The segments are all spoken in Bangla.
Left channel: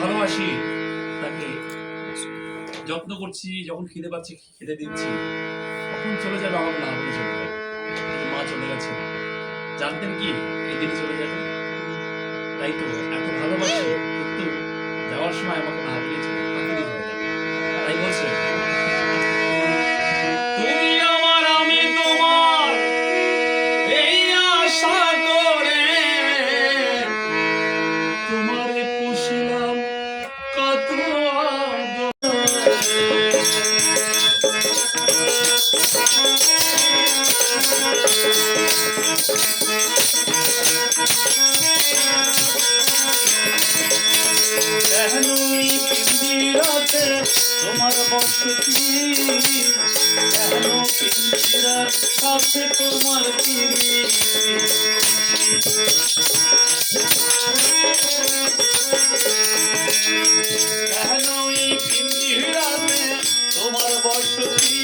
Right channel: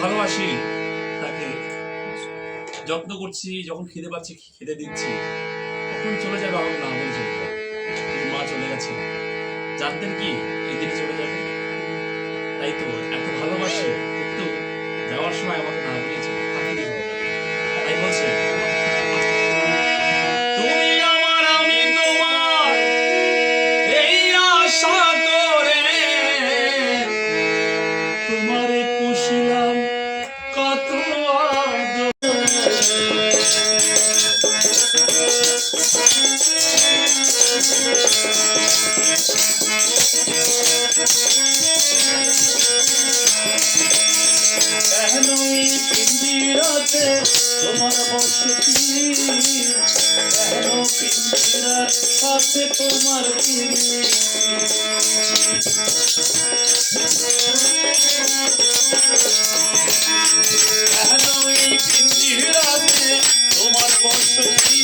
ভালোবাসি তাকে, যত্ন করছি, যখন খিদে পাচ্ছি খেতে দিচ্ছি, তখন চলে যাবে আমার না বলে চলে যাবে। মা চলে গেছে, জানতেন কি এই দিনে চলে যাবে? তাই তো এত ভালোবাসি, কিন্তু যাওয়ার সময় আমাকে না বলে চলে যাবে। তাই বলছে তুমি আমার আমি তোমার, এই আশা করে তোমার পুষিলাম কত পিঞ্জিরাতে তোমার বসতি, কেন পিঞ্জিরার সাথে তোমার পিঞ্জিরাতে তোমার বসতি,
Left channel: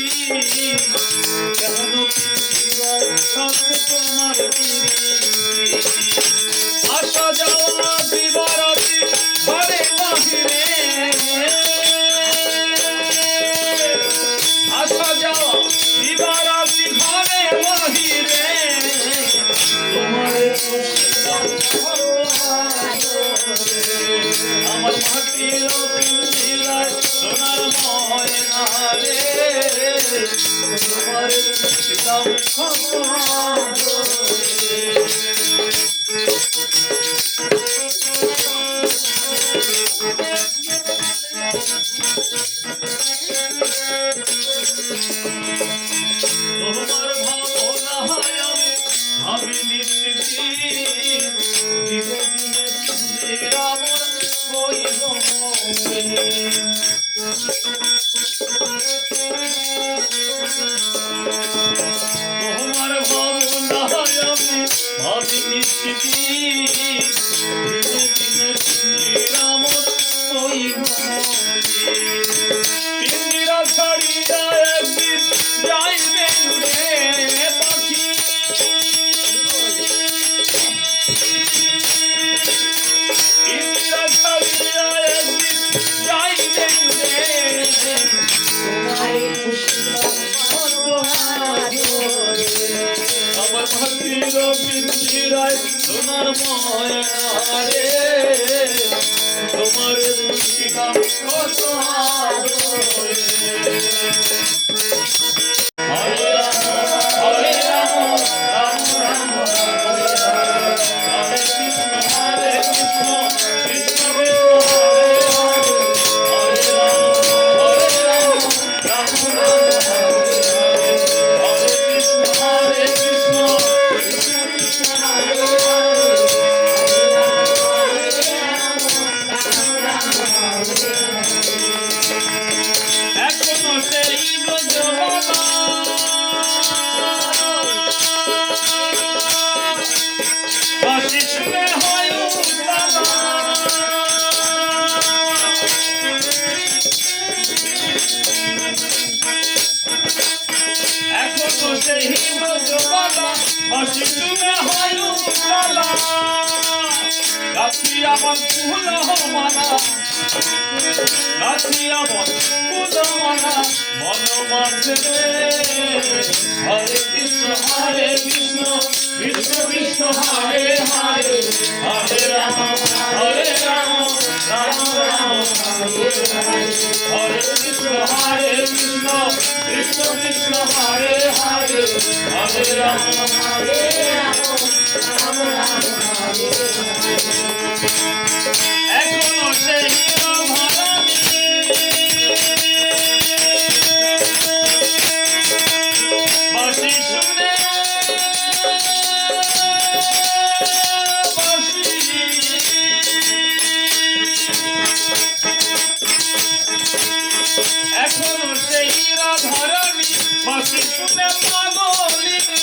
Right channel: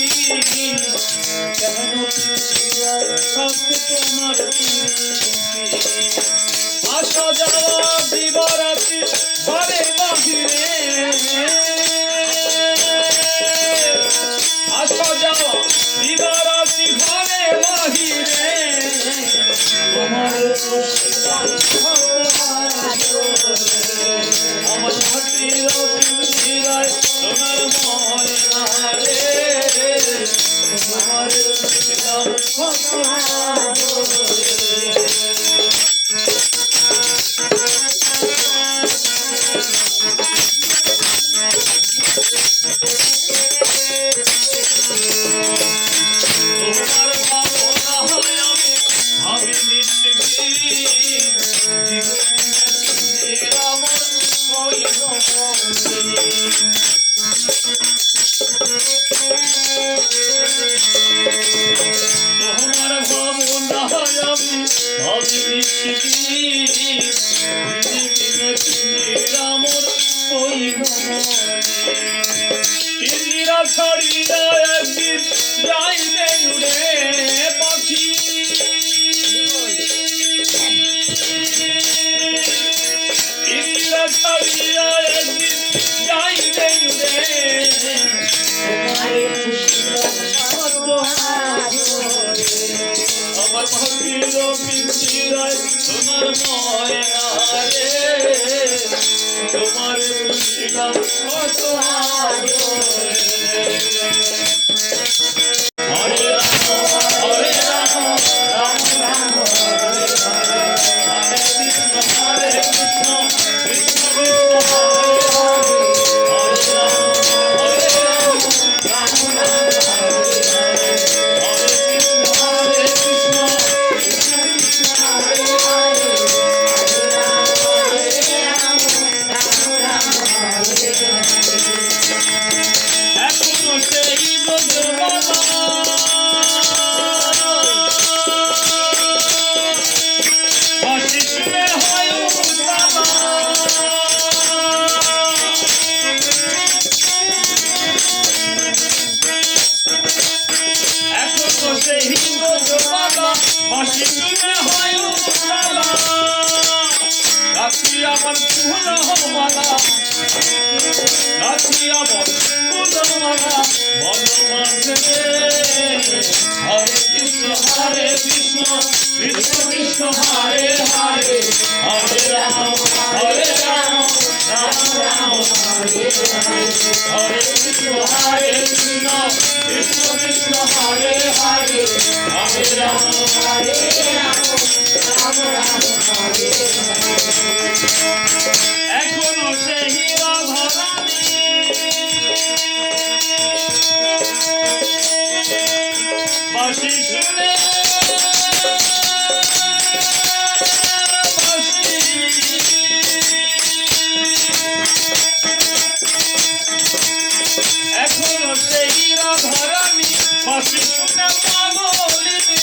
কেন পিঞ্জিরার সাথে তোমার আসা যাওয়া দিবারাতি ঘরে বাহিরে, আসা যাওয়া দিবারাতি ঘরে বাহিরে, তোমার আমার মাটির পিঞ্জিরায় সোনার ময়না রে, তোমার ছিলাম কত তোমার ভাবনায় আমি ভাবি পিঞ্জিরা ছাড়িয়া একদিন যাইবে উড়ে পাখি, পিঞ্জিরা ছাড়িয়া একদিন যাইবে উড়ে, আমার ভাতির পিঞ্জিরায় সোনার ময়না রে, তোমার বুঝিলাম কত হরে রাম হরে রাম রাম রাম হরে হরে, হরে কৃষ্ণ কৃষ্ণ কৃষ্ণ হরে হরে, হরে রাম হরে রাম রাম রাম হরে হরে, হরে কৃষ্ণ কৃষ্ণ কৃষ্ণ হরে হরে, এখনো সেই ব্রজবন বালা মাসি তুমি হয় উজালা রাখি আমার ফুল মালা রাখি আমার ফুল মালা বনমাসে হরে কৃষ্ণ কৃষ্ণ কৃষ্ণ হরে হরে হরে রাম রাম রাম হরে হরে হরে কৃষ্ণ কৃষ্ণ কৃষ্ণ হরে হরে হরে রাম রাম রাম হরে হরে এখনো সেই বাঁশি শুনে এখনো সেই রাধারানী বাঁশি শুনে পাগলিনী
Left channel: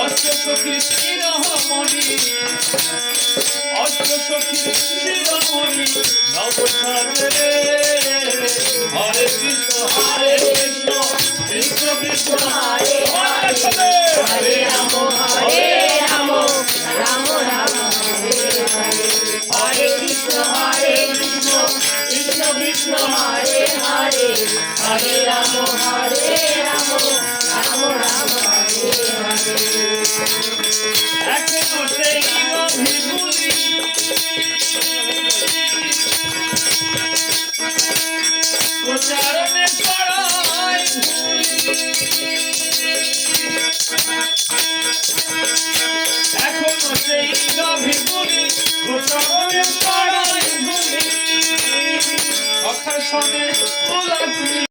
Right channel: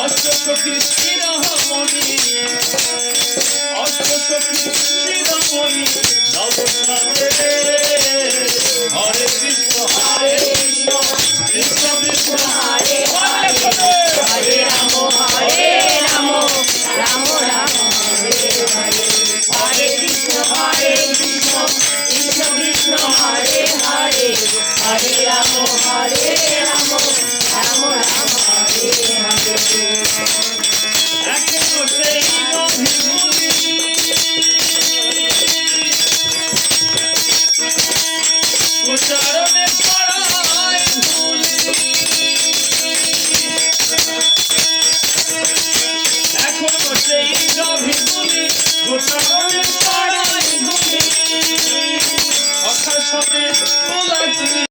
অষ্টসখী শিরোমণি অষ্টসখী শিরোমণি নবসারে হরে কৃষ্ণ কৃষ্ণ কৃষ্ণ হরে হরে রাম রাম রাম হরে হরে হরে কৃষ্ণ কৃষ্ণ কৃষ্ণ হরে হরে হরে রাম রাম রাম হরে হরে এখনো সেই অভিভূতি উচ্চারণে পড়ায় এখনো সেই অভিভূতি উচ্চারণে পড়ায় অক্ষর সঙ্গে